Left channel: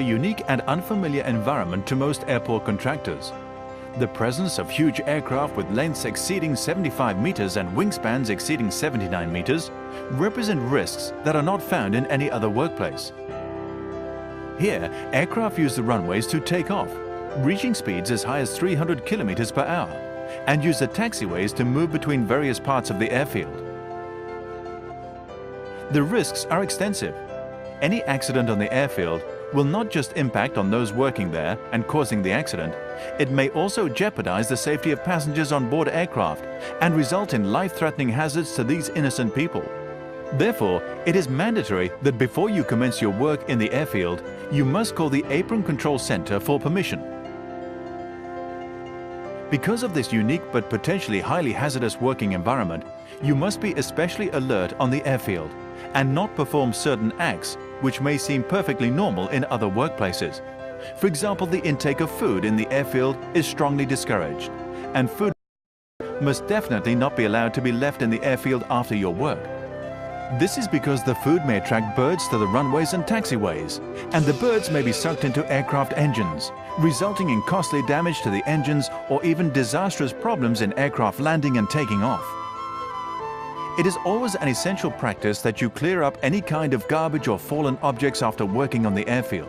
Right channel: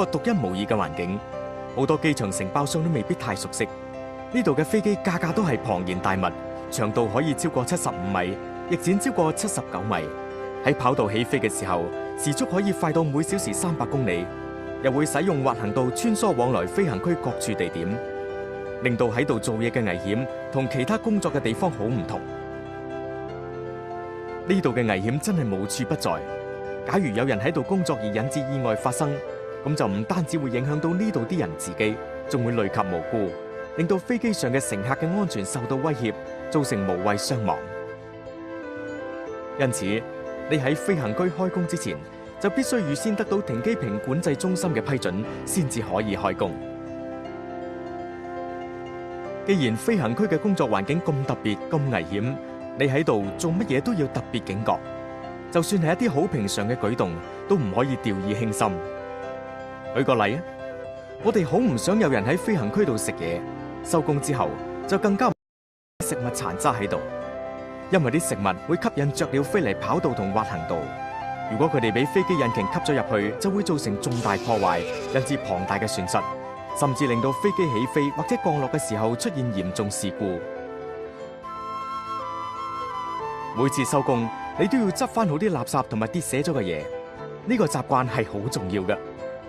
a unique and unfamiliar environment to most airport contractors. The presence of huge aircraft with lengths exceeding 75 meters and wingspans exceeding 79 meters represent risks that are not found in any other workplace. Here, aircraft use the runways to take off, reaching speeds as high as 300 kilometers per hour, and use the taxiways to move between various parts of the airfield. The risks are extensive. Any accident on the airfield will not just impact on those working there and causing the accident, it may also jeopardize the safety of passengers on board aircraft and result in life-threatening hazards to these innocent people. Therefore, it is mandatory that before you commence your work in the airfield, you must call the Apron Control Center for permission. Because of this unique but potentially highly hazardous working environment, you must be especially alert on the airfield and not perform certain acts which may seem perfectly normal in other workplaces. For example, the intake of food in the airfield is strongly discouraged, and food must definitely not be allowed to be left in the airfield after your work. This is because the food may attract birds to the runways and taxiways, and the birds may be sucked into aircraft engines, resulting in costly damage to the engines or even disastrous problems in aircraft landing and taking off. It is always an essential practice that you clear up any kind of garbage or fallen objects after working on the airfield.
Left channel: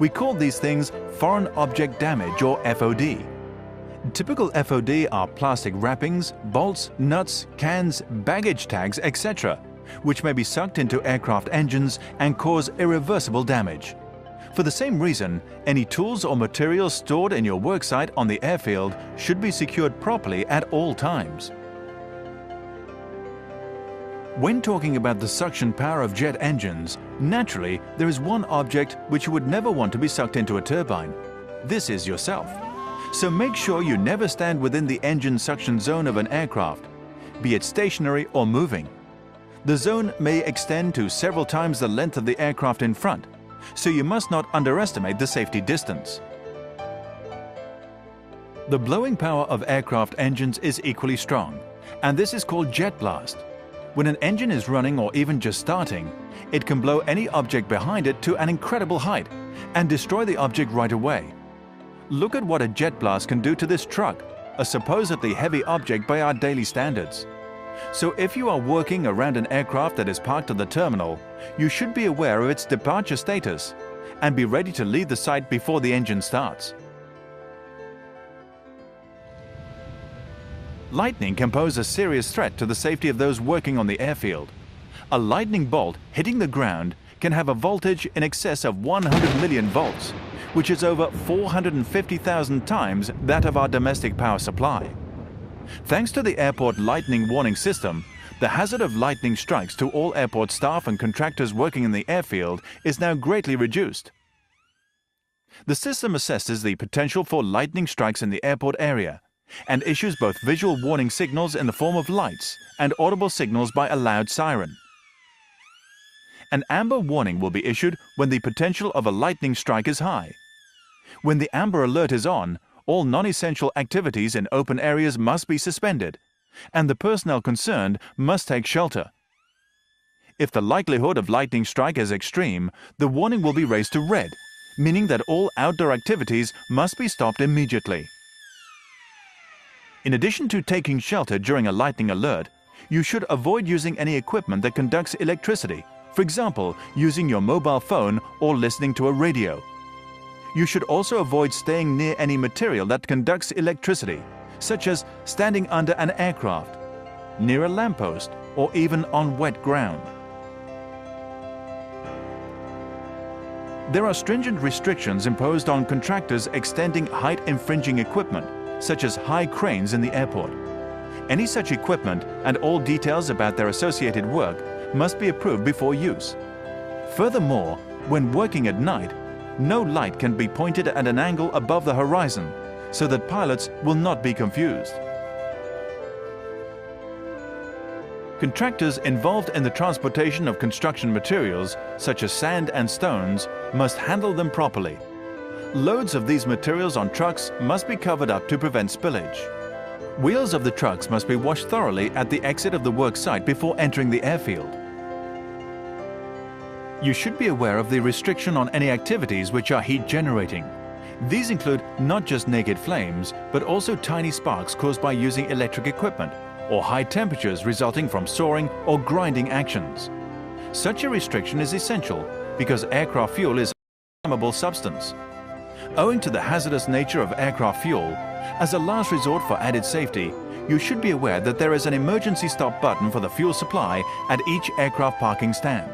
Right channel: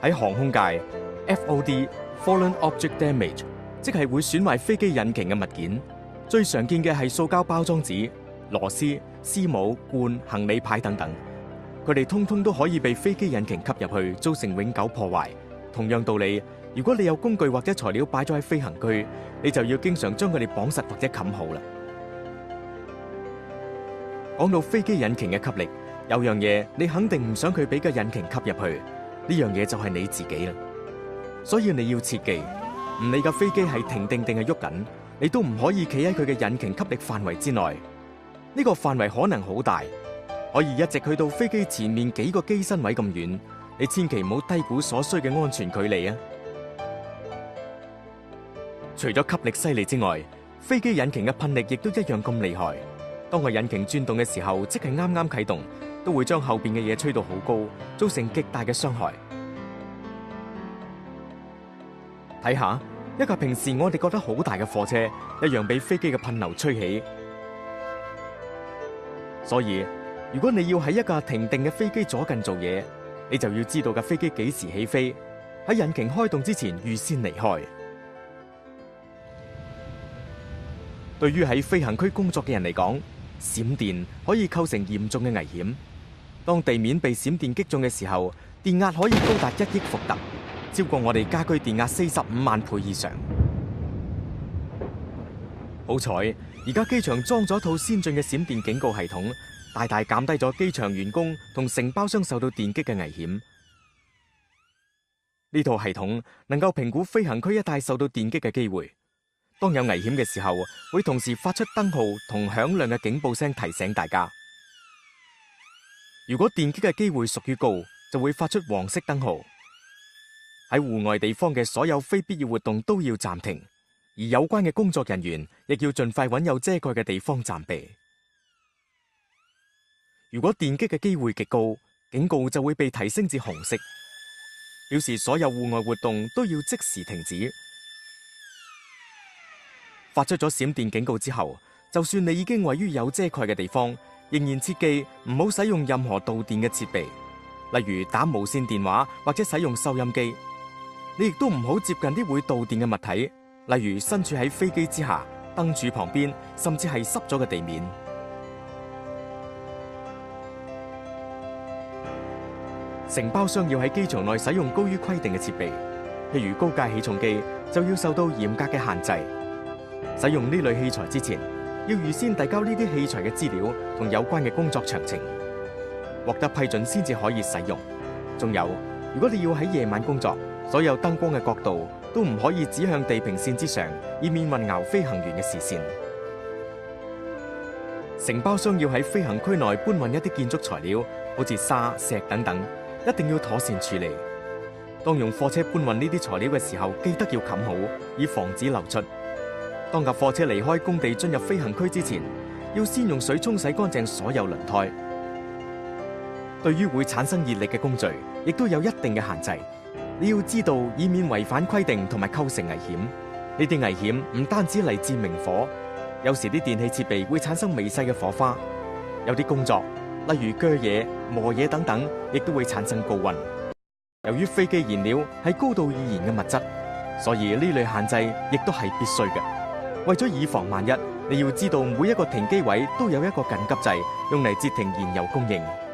We call these things foreign object damage or FOD. Typical FOD are plastic wrappings, bolts, nuts, cans, baggage tags, etc., which may be sucked into aircraft engines and cause irreversible damage. For the same reason, any tools or materials stored in your worksite on the airfield should be secured properly at all times. When talking about the suction power of jet engines, naturally, there is one object which you would never want to be sucked into a turbine. This is yourself. So make sure you never stand within the engine suction zone of an aircraft, be it stationary or moving. The zone may extend to several times the length of the aircraft in front, so you must not underestimate the safety distance. The blowing power of aircraft engines is equally strong, and this is called jet blast. When an engine is running or even just starting, it can blow any object behind it to an incredible height and destroy the object right away. Look at what a jet blast can do to this truck, a supposedly heavy object by our daily standards. So if you are working around an aircraft that is parked at the terminal, you should be aware of its departure status and be ready to leave the site before the engine starts. Lightning can pose a serious threat to the safety of those working on the airfield. A lightning bolt hitting the ground can have a voltage in excess of 100 million volts, which is over 450,000 times that of our domestic power supply. Thanks to the airport lightning warning system, the hazard of lightning strikes to all airport staff and contractors working in the airfield is now greatly reduced. The system assesses the potential for lightning strikes in the airport area and issues both visual warning signals in the form of lights and audible signals by a loud siren. An amber warning will be issued when the potential of a lightning strike is high. When the amber alert is on, all non-essential activities in open areas must be suspended, and the personnel concerned must take shelter. If the likelihood of lightning strike is extreme, the warning will be raised to red, meaning that all outdoor activities must be stopped immediately. In addition to taking shelter during a lightning alert, you should avoid using any equipment that conducts electricity. For example, using your mobile phone or listening to a radio. You should also avoid staying near any material that conducts electricity, such as standing under an aircraft, near a lamppost, or even on wet ground. There are stringent restrictions imposed on contractors extending height-infringing equipment, such as high cranes in the airport. Any such equipment and all details about their associated work must be approved before use. Furthermore, when working at night, no light can be pointed at an angle above the horizon, so that pilots will not be confused. Contractors involved in the transportation of construction materials, such as sand and stones, must handle them properly. Loads of these materials on trucks must be covered up to prevent spillage. Wheels of the trucks must be washed thoroughly at the exit of the work site before entering the airfield. You should be aware of the restriction on any activities which are heat generating. These include not just naked flames, but also tiny sparks caused by using electric equipment, or high temperatures resulting from soaring or grinding actions. Such a restriction is essential because aircraft fuel is a flammable substance. Owing to the hazardous nature of aircraft fuel, as a last resort for added safety, you should be aware that there is an emergency stop button for the fuel supply at each aircraft parking stand.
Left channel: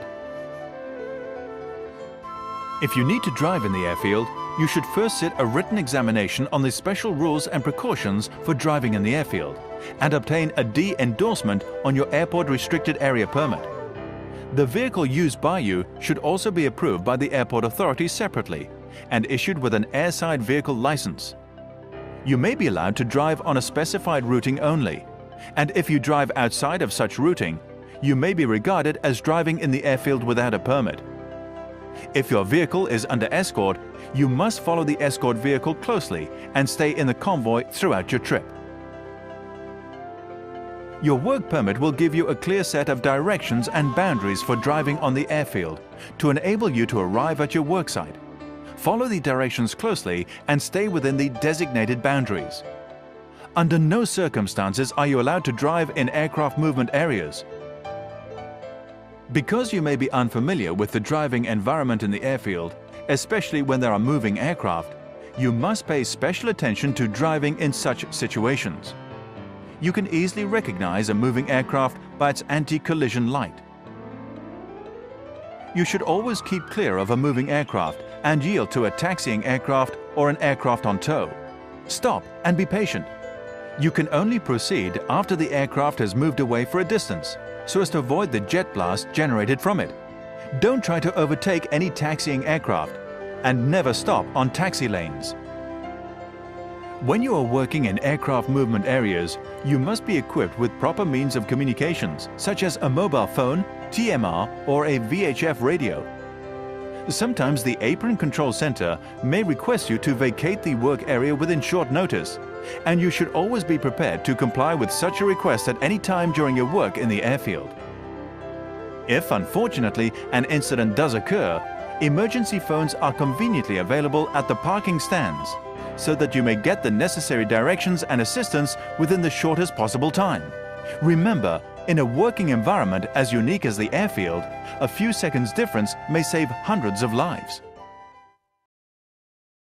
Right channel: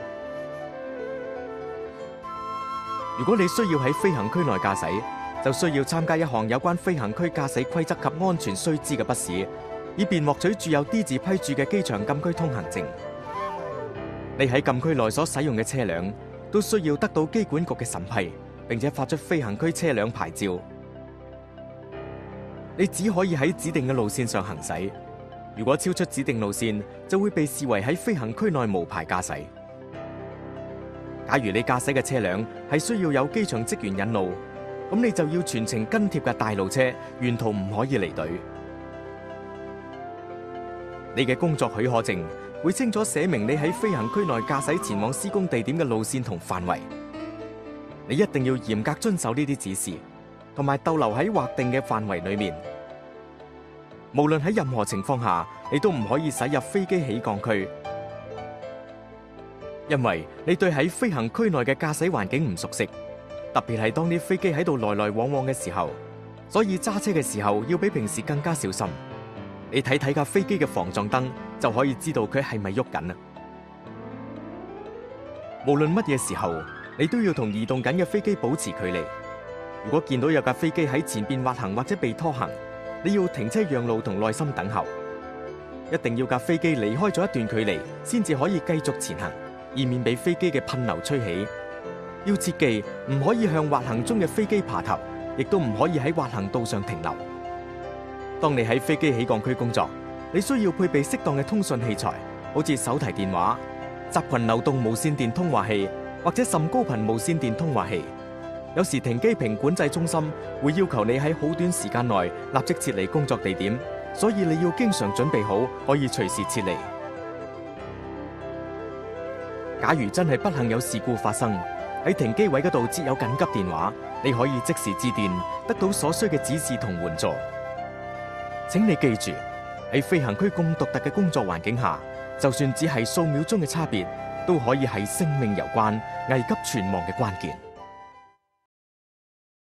If you need to drive in the airfield, you should first sit a written examination on the special rules and precautions for driving in the airfield, and obtain a D endorsement on your airport restricted area permit. The vehicle used by you should also be approved by the airport authority separately and issued with an airside vehicle license. You may be allowed to drive on a specified routing only, and if you drive outside of such routing, you may be regarded as driving in the airfield without a permit. If your vehicle is under escort, you must follow the escort vehicle closely and stay in the convoy throughout your trip. Your work permit will give you a clear set of directions and boundaries for driving on the airfield to enable you to arrive at your work site. Follow the directions closely and stay within the designated boundaries. Under no circumstances are you allowed to drive in aircraft movement areas. Because you may be unfamiliar with the driving environment in the airfield, especially when there are moving aircraft, you must pay special attention to driving in such situations. You can easily recognize a moving aircraft by its anti-collision light. You should always keep clear of a moving aircraft and yield to a taxiing aircraft or an aircraft on tow. Stop and be patient. You can only proceed after the aircraft has moved away for a distance, so as to avoid the jet blast generated from it. Don't try to overtake any taxiing aircraft, and never stop on taxi lanes. When you are working in aircraft movement areas, you must be equipped with proper means of communications, such as a mobile phone, TMR, or a VHF radio. Sometimes the Apron Control Center may request you to vacate the work area within short notice, and you should always be prepared to comply with such a request at any time during your work in the airfield. If, unfortunately, an incident does occur, emergency phones are conveniently available at the parking stands, so that you may get the necessary directions and assistance within the shortest possible time. Remember, in a working environment as unique as the airfield, a few seconds difference may save hundreds of lives.